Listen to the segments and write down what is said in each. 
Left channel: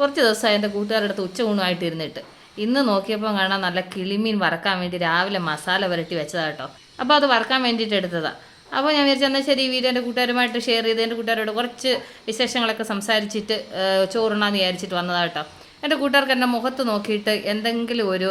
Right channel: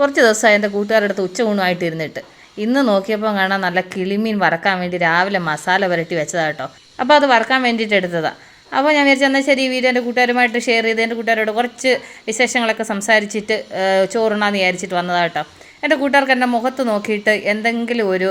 കുറച്ച് ദിവസമായി എൻ്റെ കൂട്ടുകാരുടെ അടുത്ത് ഉച്ചയൂണുമായിട്ട് ഇരുന്നിട്ട്. ഇന്ന് നോക്കിയപ്പോൾ കാണാൻ നല്ല കിളിമീൻ വറക്കാൻ വേണ്ടി രാവിലെ മസാല പുരട്ടി വെച്ചതാണ് കേട്ടോ. അപ്പോൾ അത് വറക്കാൻ വേണ്ടിയിട്ട് എടുത്തതാണ്. അപ്പോൾ ഞാൻ വിചാരിച്ചു എന്നാൽ ശരി, ഈ വീഡിയോ എൻ്റെ കൂട്ടുകാരുമായിട്ട് ഷെയർ ചെയ്ത് എൻ്റെ കൂട്ടുകാരോട് കുറച്ച് വിശേഷങ്ങളൊക്കെ സംസാരിച്ചിട്ട് ചോറുണ്ണാന്ന് വിചാരിച്ചിട്ട് വന്നതാണ് കേട്ടോ. എൻ്റെ കൂട്ടുകാർക്ക് എൻ്റെ മുഖത്ത് നോക്കിയിട്ട് എന്തെങ്കിലും ഒരു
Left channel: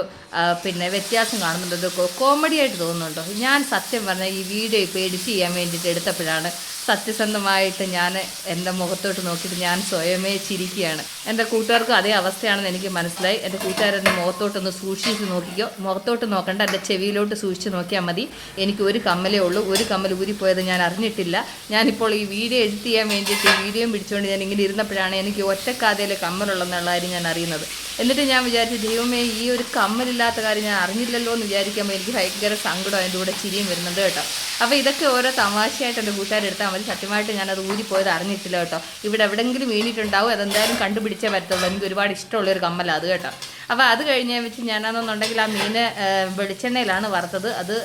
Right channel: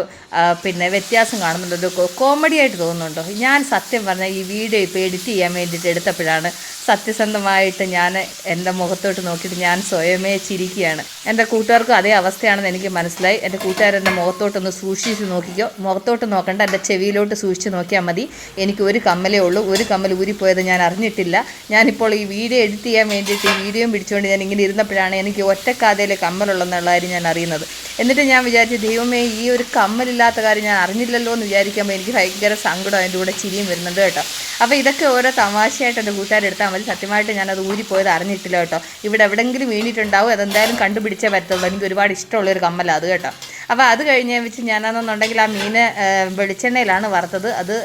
വ്യത്യാസം കാണുന്നുണ്ടോ, കോമഡി ആയിട്ട് തോന്നുന്നുണ്ടോ? ഞാൻ സത്യം പറഞ്ഞാൽ ഈ വീഡിയോ ഇപ്പോൾ എഡിറ്റ് ചെയ്യാൻ വേണ്ടിയിട്ട് എടുത്തപ്പോഴാണ് സത്യസന്ധമായിട്ട് ഞാൻ എൻ്റെ മുഖത്തോട്ട് നോക്കിയിട്ട് ഞാൻ സ്വയമേ ചിരിക്കുകയാണ്. എൻ്റെ കൂട്ടുകാർക്കും അതേ അവസ്ഥയാണെന്ന് എനിക്ക് മനസ്സിലായി. എൻ്റെ കൂട്ടുകാരെൻ്റെ മുഖത്തോട്ടൊന്ന് സൂക്ഷിച്ച് നോക്കിക്കോ. മുഖത്തോട്ട് നോക്കണ്ട, എൻ്റെ ചെവിയിലോട്ട് സൂക്ഷിച്ച് നോക്കിയാൽ മതി. എനിക്ക് ഒരു കമ്മലേ ഉള്ളൂ. ഒരു കമ്മൽ ഊരിപ്പോയത് ഞാൻ അറിഞ്ഞിട്ടില്ല. ഞാനിപ്പോൾ ഈ വീഡിയോ എഡിറ്റ് ചെയ്യാൻ വേണ്ടിയിട്ട് ഈ വീഡിയോയും പിടിച്ചുകൊണ്ട് ഞാൻ ഇങ്ങനെ ഇരുന്നപ്പോഴാണ് എനിക്ക് ഒറ്റക്കാതയിൽ കമ്മലുള്ളതെന്നുള്ള കാര്യം ഞാൻ അറിയുന്നത്. എന്നിട്ട് ഞാൻ വിചാരിച്ചു, ദൈവമേ, ഈ ഒരു കമ്മലില്ലാത്ത കാര്യം ഞാൻ അറിഞ്ഞില്ലല്ലോ എന്ന് വിചാരിക്കുമ്പോൾ എനിക്ക് ഭയങ്കര സങ്കടം, അതിൻ്റെ കൂടെ ചിരിയും വരുന്നുണ്ട് കേട്ടോ. അപ്പോൾ ഇതൊക്കെ ഓരോ തമാശയായിട്ട് എൻ്റെ കൂട്ടുകാരെടുത്താൽ മതി. സത്യമായിട്ട് ഞാനത് ഊരിപ്പോയത് അറിഞ്ഞിട്ടില്ല കേട്ടോ. ഇവിടെ എവിടെയെങ്കിലും വീണിട്ടുണ്ടാവും, അതെന്തായാലും കണ്ടുപിടിച്ചേ വരത്തുള്ളൂ. എനിക്ക് ഒരുപാട് ഇഷ്ടമുള്ളൊരു കമ്മലാണ് അത് കേട്ടോ. അപ്പോൾ അത് കഴിഞ്ഞ് വെച്ച് ഞാനാണെന്നുണ്ടെങ്കിൽ ആ മീൻ വെളിച്ചെണ്ണയിലാണ് വറുത്തത്. അത്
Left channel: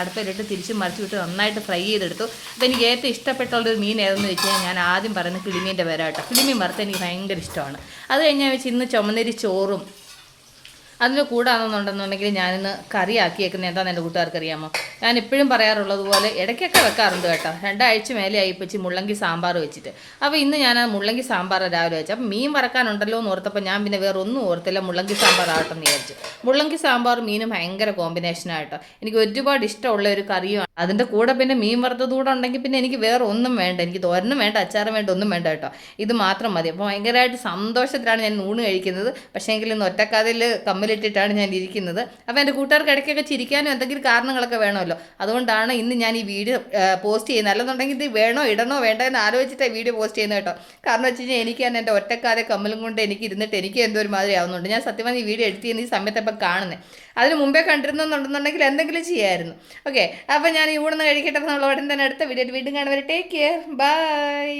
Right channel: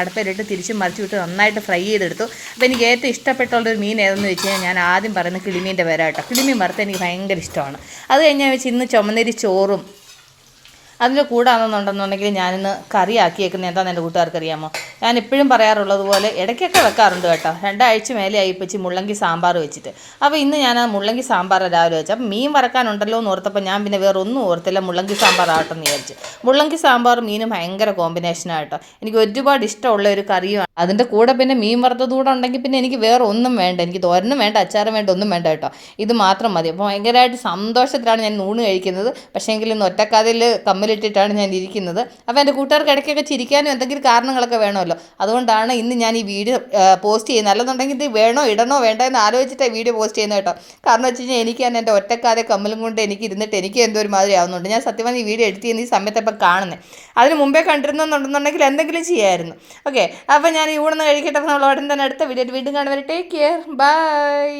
അടുപ്പിലിട്ട് തിരിച്ചും മറിച്ചു വിട്ട് നന്നായിട്ട് ഫ്രൈ ചെയ്തെടുത്തു. അപ്പോൾ എനിക്ക് ഏറ്റവും ഇഷ്ടപ്പെട്ടുള്ളൊരു മീൻ ഏതെന്ന് വെച്ച് കഴിഞ്ഞാൽ ഞാൻ ആദ്യം പറയുന്നത് കിളിമീൻ്റെ പേരാ കേട്ടോ. കിളിമീൻ വറുത്ത് എനിക്ക് ഭയങ്കര ഇഷ്ടമാണ്. അത് കഴിഞ്ഞ് വെച്ച് ഇന്ന് ചുമന്നരി ചോറും അതിൻ്റെ കൂടാണെന്നുണ്ടെന്നുണ്ടെങ്കിൽ ഞാനിന്ന് കറിയാക്കിയേക്കുന്നത് എന്താണെന്ന് എൻ്റെ കൂട്ടുകാർക്ക് അറിയാമോ? ഞാൻ ഇപ്പോഴും പറയാറുള്ളത് പോലെ ഇടയ്ക്കൊക്കെ വെക്കാറുണ്ട് കേട്ടോ. 2 ആഴ്ച മേലെയായി ഇപ്പിച്ച് മുള്ളങ്കി സാമ്പാർ വെച്ചിട്ട്. അപ്പോൾ ഇന്ന് ഞാൻ ആ മുള്ളങ്കി സാമ്പാർ രാവിലെ വെച്ചു. അപ്പം മീൻ വറക്കാനുണ്ടല്ലോ എന്ന് ഓർത്തപ്പോൾ ഞാൻ പിന്നെ വേറെ ഒന്നും ഓർത്തില്ല, മുള്ളങ്കി സാമ്പാർ ആട്ടെന്ന് വിചാരിച്ചു. മുള്ളങ്കി സാമ്പാർ മീനും ഭയങ്കര കോമ്പിനേഷനായിട്ടോ. എനിക്ക് ഒരുപാട് ഇഷ്ടമുള്ള ഒരു കറിയുമാണ്. അതിൻ്റെ കൂടെ പിന്നെ മീൻ വറുത്തത് കൂടെ ഉണ്ടെങ്കിൽ പിന്നെ എനിക്ക് വേറെ ഒന്നും വേണ്ട. എനിക്ക് തോരനും വേണ്ട, അച്ചാറും വേണ്ട, ഒന്നും വേണ്ട കേട്ടോ. ഇത് മാത്രം മതി. അപ്പോൾ ഭയങ്കരമായിട്ട് സന്തോഷത്തിലാണ് ഞാൻ ഊണ് കഴിക്കുന്നത്. പക്ഷേ എങ്കിൽ ഇന്ന് ഒറ്റക്കതിൽ കമ്മലിട്ടിട്ടാണ് ഞാൻ ഇരിക്കുന്നത്. അപ്പോൾ എൻ്റെ കൂട്ടുകാർക്ക് ഇടയ്ക്കൊക്കെ ചിരിക്കാനും എന്തെങ്കിലും കാരണങ്ങളൊക്കെ വേണമല്ലോ. അതുകൊണ്ടാണ് ഇന്ന് ഞാൻ ഈ വീഡിയോ പോസ്റ്റ് ചെയ്യുന്നത്. അല്ലെന്നുണ്ടെങ്കിൽ ഇത് വേണോ ഇടണോ വേണ്ടോ എന്ന് ആലോചിച്ചിട്ടാണ് വീഡിയോ പോസ്റ്റ് ചെയ്യുന്നത് കേട്ടോ. കാരണം വെച്ച് കഴിഞ്ഞാൽ എനിക്ക് തന്നെ എൻ്റെ ഒറ്റക്കാതെ കമ്മലും കൊണ്ട് എനിക്ക് ഇരുന്നിട്ട് എനിക്ക് എന്തോ ഒരു മാതിരി ആവുന്നുണ്ട്. ഞാൻ സത്യമായി ഈ വീഡിയോ എഡിറ്റ് ചെയ്യുന്ന ഈ സമയത്ത് ഇപ്പം കാണുന്നത്. അതിന് മുമ്പേ കണ്ടിരുന്നുണ്ടെന്നുണ്ടെങ്കിൽ എന്തെങ്കിലും ചെയ്യാമായിരുന്നു. ഓക്കെ, അപ്പോൾ ഞാൻ ഈ ഊണെന്ന് കഴിക്കട്ടെ. നമ്മൾ ഉടൻ തന്നെ അടുത്ത വീഡിയോ വീണ്ടും കാണുവരെ. Take care, by.